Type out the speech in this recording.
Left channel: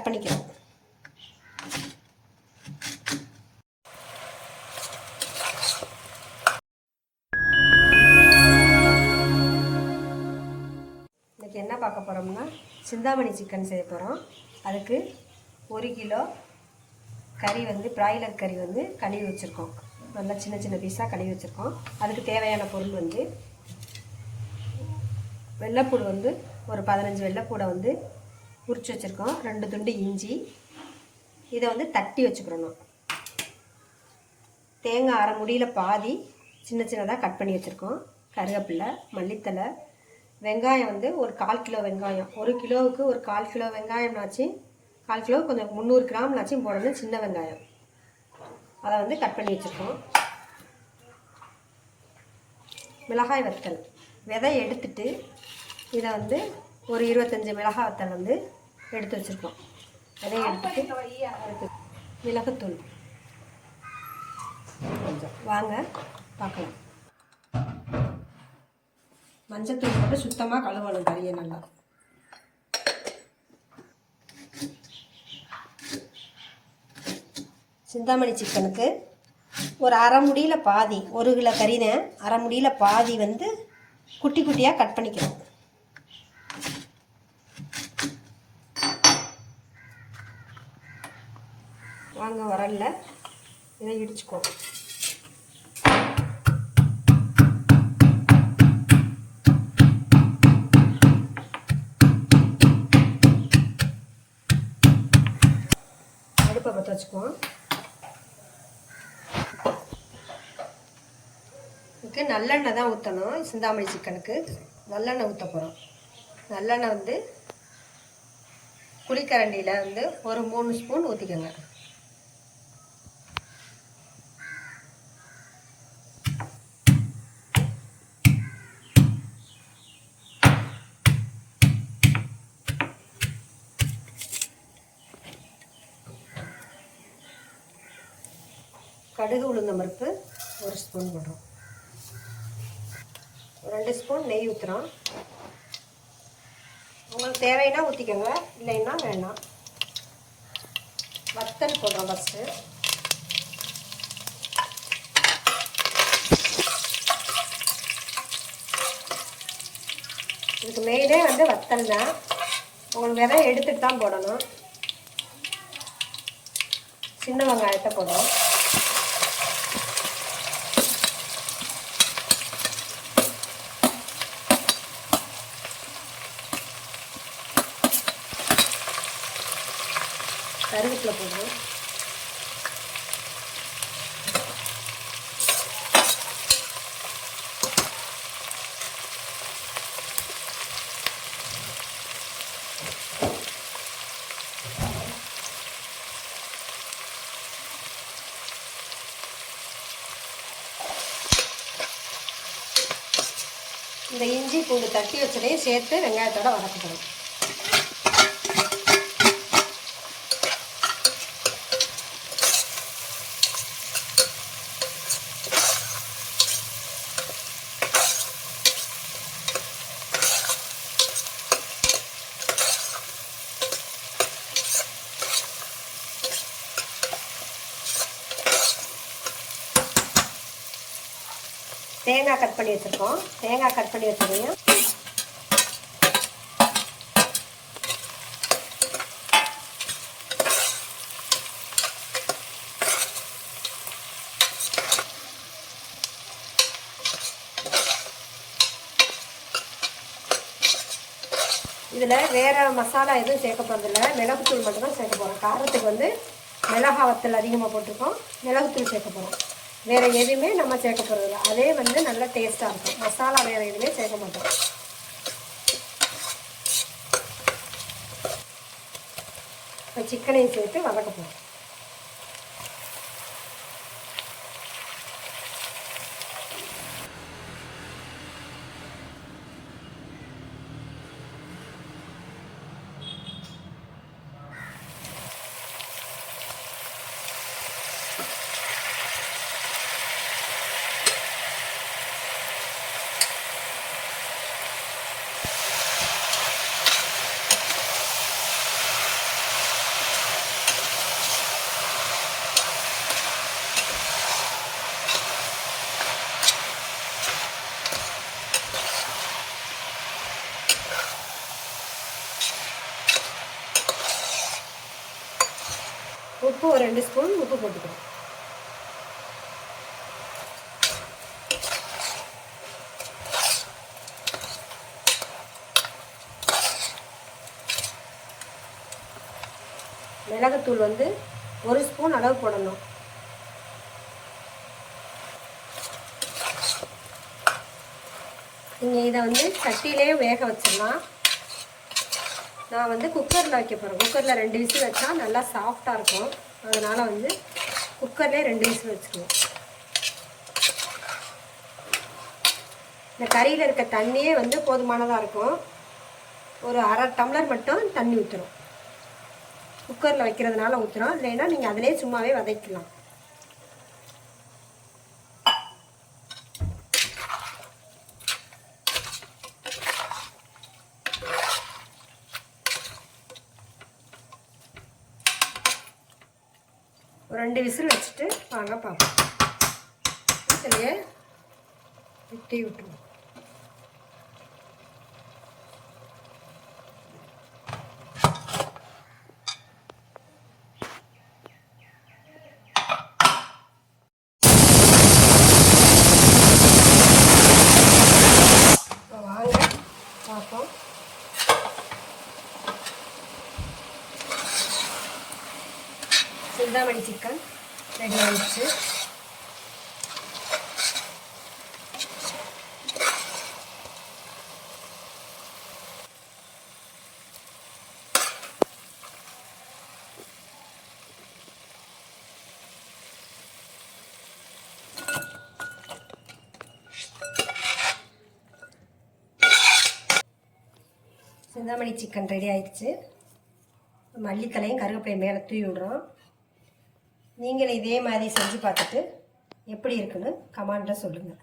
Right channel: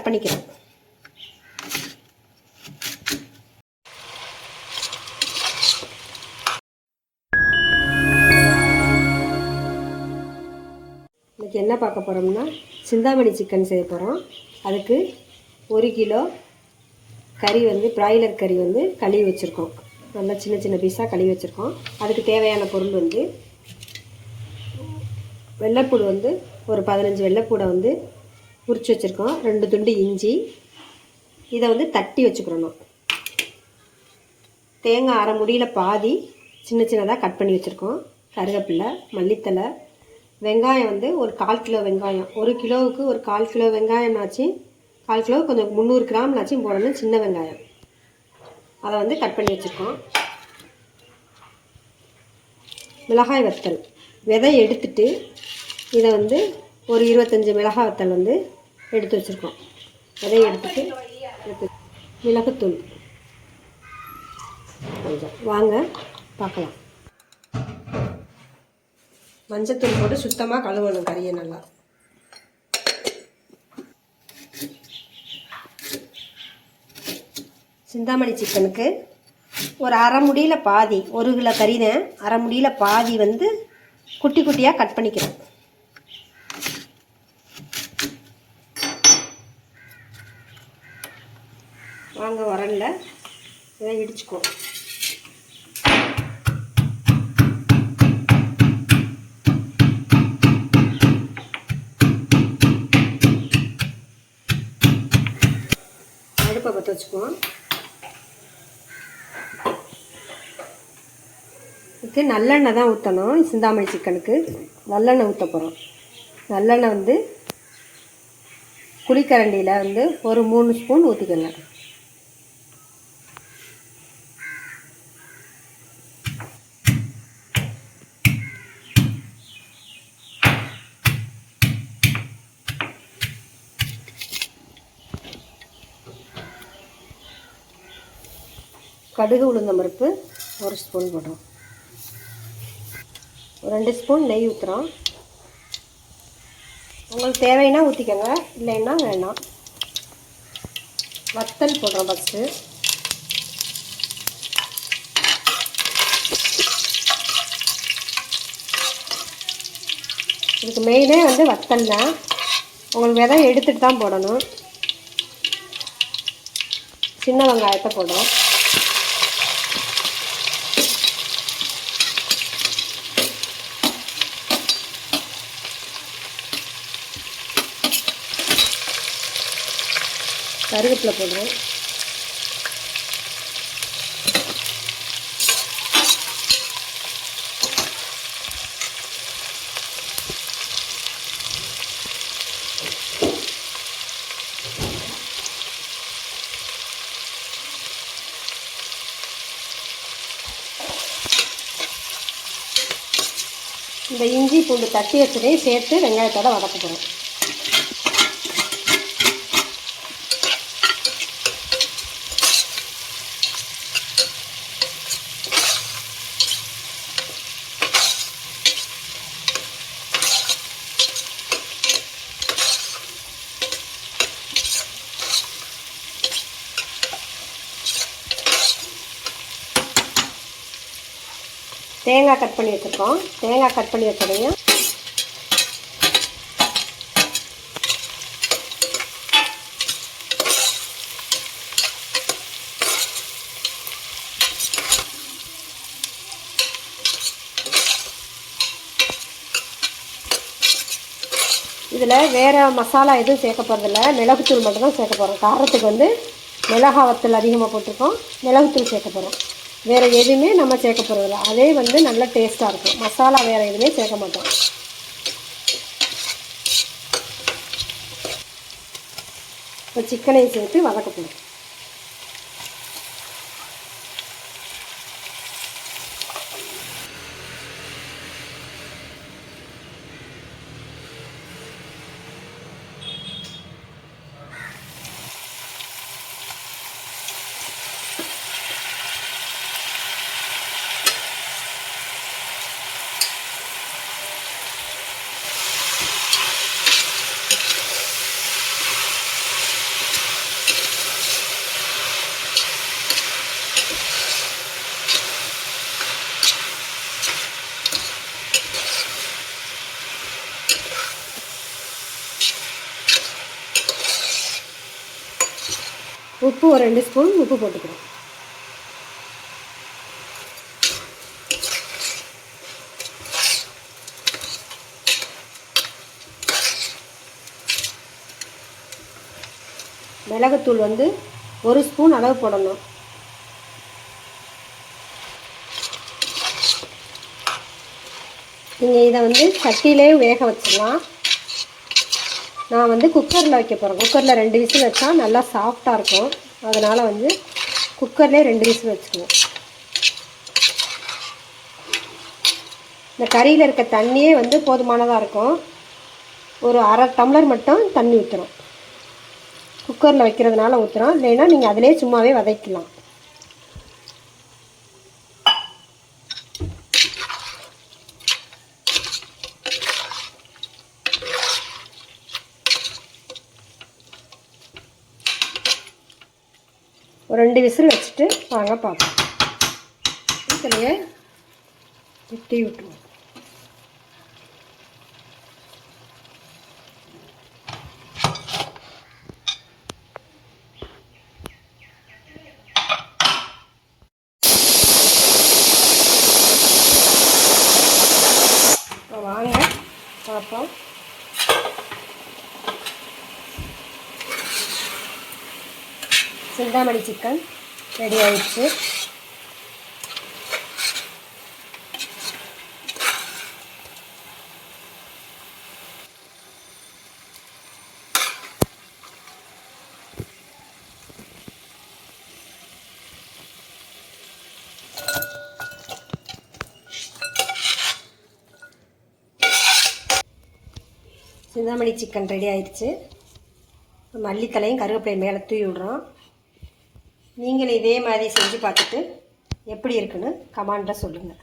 Cut பண்ணிக்கிறோம். இன்றைக்கி என்ன பார்க்க போகிறோம்னா சிந்தாமணி சிக்கன் செய்ய போகிறோம். அதுக்கு 1 கிலோ கறி பிராய்லர் கறி கழுவி வச்சுருக்கோம். நல்லா சின்ன சின்ன பீஸாக கழுவி வச்சுருக்கோம். அதுக்கு தேவையான பொருள் வெள்ளைப்பூடு ஒரு 15 வெள்ளைப்பூடை உரித்து வச்சுருக்கோம். 2 துண்டு இஞ்சி, இதை தட்டி வச்சுக்கிறோம். தேங்காய் அரை முடியில் பாதி சின்ன சின்னதாக கட் பண்ணி வச்சுருக்கோம். கருவேப்பிலை, மல்லித்தலை, வெங்காயம் ஒரு 1/4 கிலோ வெங்காயம். 1 கிலோவுக்கு ஒரு 1/4 கிலோ வெங்காயம்னாச்சு, 1/4 கிலோ கொஞ்சம் 300 கிராம்னாச்சும் போடணும். சின்ன வெங்காயம் அதை கட் பண்ணி வச்சுருக்கோம். மிளகாய் வத்தல் விதை எடுத்துட்டு இதை ஒரு 25 மிளகாய் வத்தல் எடுத்து வச்சுருக்கோம். விதையை எடுத்துட்டு மிளகுத்தூள் கொஞ்சம் வாங்க பார்க்கலாம். மஞ்சத்தூள் போட்டு சுத்தமாக கழுவணும் கறியை நல்லா. சிந்தாமணி சிக்கனுக்கு ஒரு அரை முடியில் பாதி, 1 கிலோ கறிதான், அரை முடியில் பாதி குட்டி குட்டியாக கட் பண்ணிக்கிறோம். வாங்க வரல இதை இடிச்சுக்கோ. அடுப்பை பற்ற வச்சுக்குவோம். இதுக்கு நல்லெண்ணெய் தான் ஊற்றணும். சிந்தாமணி சிக்கனுக்கு நல்லெண்ணெய் ஊற்ற போகிறோம். நல்லெண்ணெய் குழிக்கரண்டியில் ஒரு 3 ஸ்பூன் ஊற்றிக்கோங்க. கடுகு உளுந்தம் பருப்பு 1 ஸ்பூன் போடுறோம். 2 ஸ்பூன் நெய் ஊற்றுறோம். உங்களுக்கு தேவைன்னா ஊற்றிக்கோங்க, இல்லைன்னா வேணாம். வத்தல் போடுறோம் ஃபஸ்ட்டு. இதுக்கு மெயினே வத்தல் தான். உங்களுக்கு விதை எடுத்துகிட்டு தான் போடணும். சின்ன வெங்காயத்தை போடுறோம். கருவேப்பிலை போடுறோம். இந்த இஞ்சி பூண்டு தட்டி வச்சதையும் சேர்த்து வெங்காயத்தோட வதக்கிக்கிறோம். தேங்காய் கட் பண்ணி வச்சுருக்கோம். தேங்காய் கட் பண்ணி வச்சதையும் இதில் வேறு மசாலா எதுவும் சேர்க்க போகிறதில்ல. மிளகுத்தூள் மட்டும்தான் சேர்க்க போகிறோம். காரத்துக்கு மிளகாய் வத்தல் அதிகமாக போட்டிருக்கோம். மிளகுத்தூள் சேர்க்க போகிறோம். வேறு எதுவுமே நம்ம சேர்க்க போகிறதில்ல. அதே நல்லா டேஸ்ட்டாக இருக்கும். மசாலா வேறு எதுவுமே சேர்க்க மாட்டோம். இப்போ சிக்கனையும் சேர்த்து வதக்க போகிறோம். உப்பு ஒரு 2 ஸ்பூன் உப்பு போட்டுக்கிறோம். மிளகுத்தூள் வந்து 1 ஸ்பூன் அளவு போடணும். நீங்கள் இதை வந்து சட்டியிலே வேக வச்சிடலாம். நான் வந்து குக்கரில் வைக்க போகிறேன். குக்கரில் 2 விசில் வச்சா நல்லா சாஃப்டாக இருக்கும். அதனால் வந்து குக்கர்லேயே 2 விசில் வச்சுக்குவோம். இந்த கறியில் இருக்க தண்ணியே வந்து போதுமானதாக இருக்கும். ஒரு அரை டம்ளர் மட்டும் தண்ணி ஊற்றுறோம். குக்கரில் வைக்கிறதுனால ஊற்றுறோம். இல்லைன்னா நீங்கள் அதிலே சும்மாவே வதக்கலாம். ஒரு 2 விசில் வச்சுட்டு வாங்க பார்ப்போம். இதுலேயே டீ விட்டுருவோம். வாங்க பார்ப்போம். சிந்தாமணி சிக்கன் ரெடி ஆயிடுச்சு. சிந்தாமணி சிக்கன் ரெடி ஆயிடுச்சு. மல்லித்தலையும் கருவேப்பிலையும் மேலே தூவி விடுறோம். நீங்களும் இதே மாதிரி செஞ்சு பார்த்துட்டு எப்படி இருக்குன்னு கமெண்ட்டில் சொல்லுங்கள்.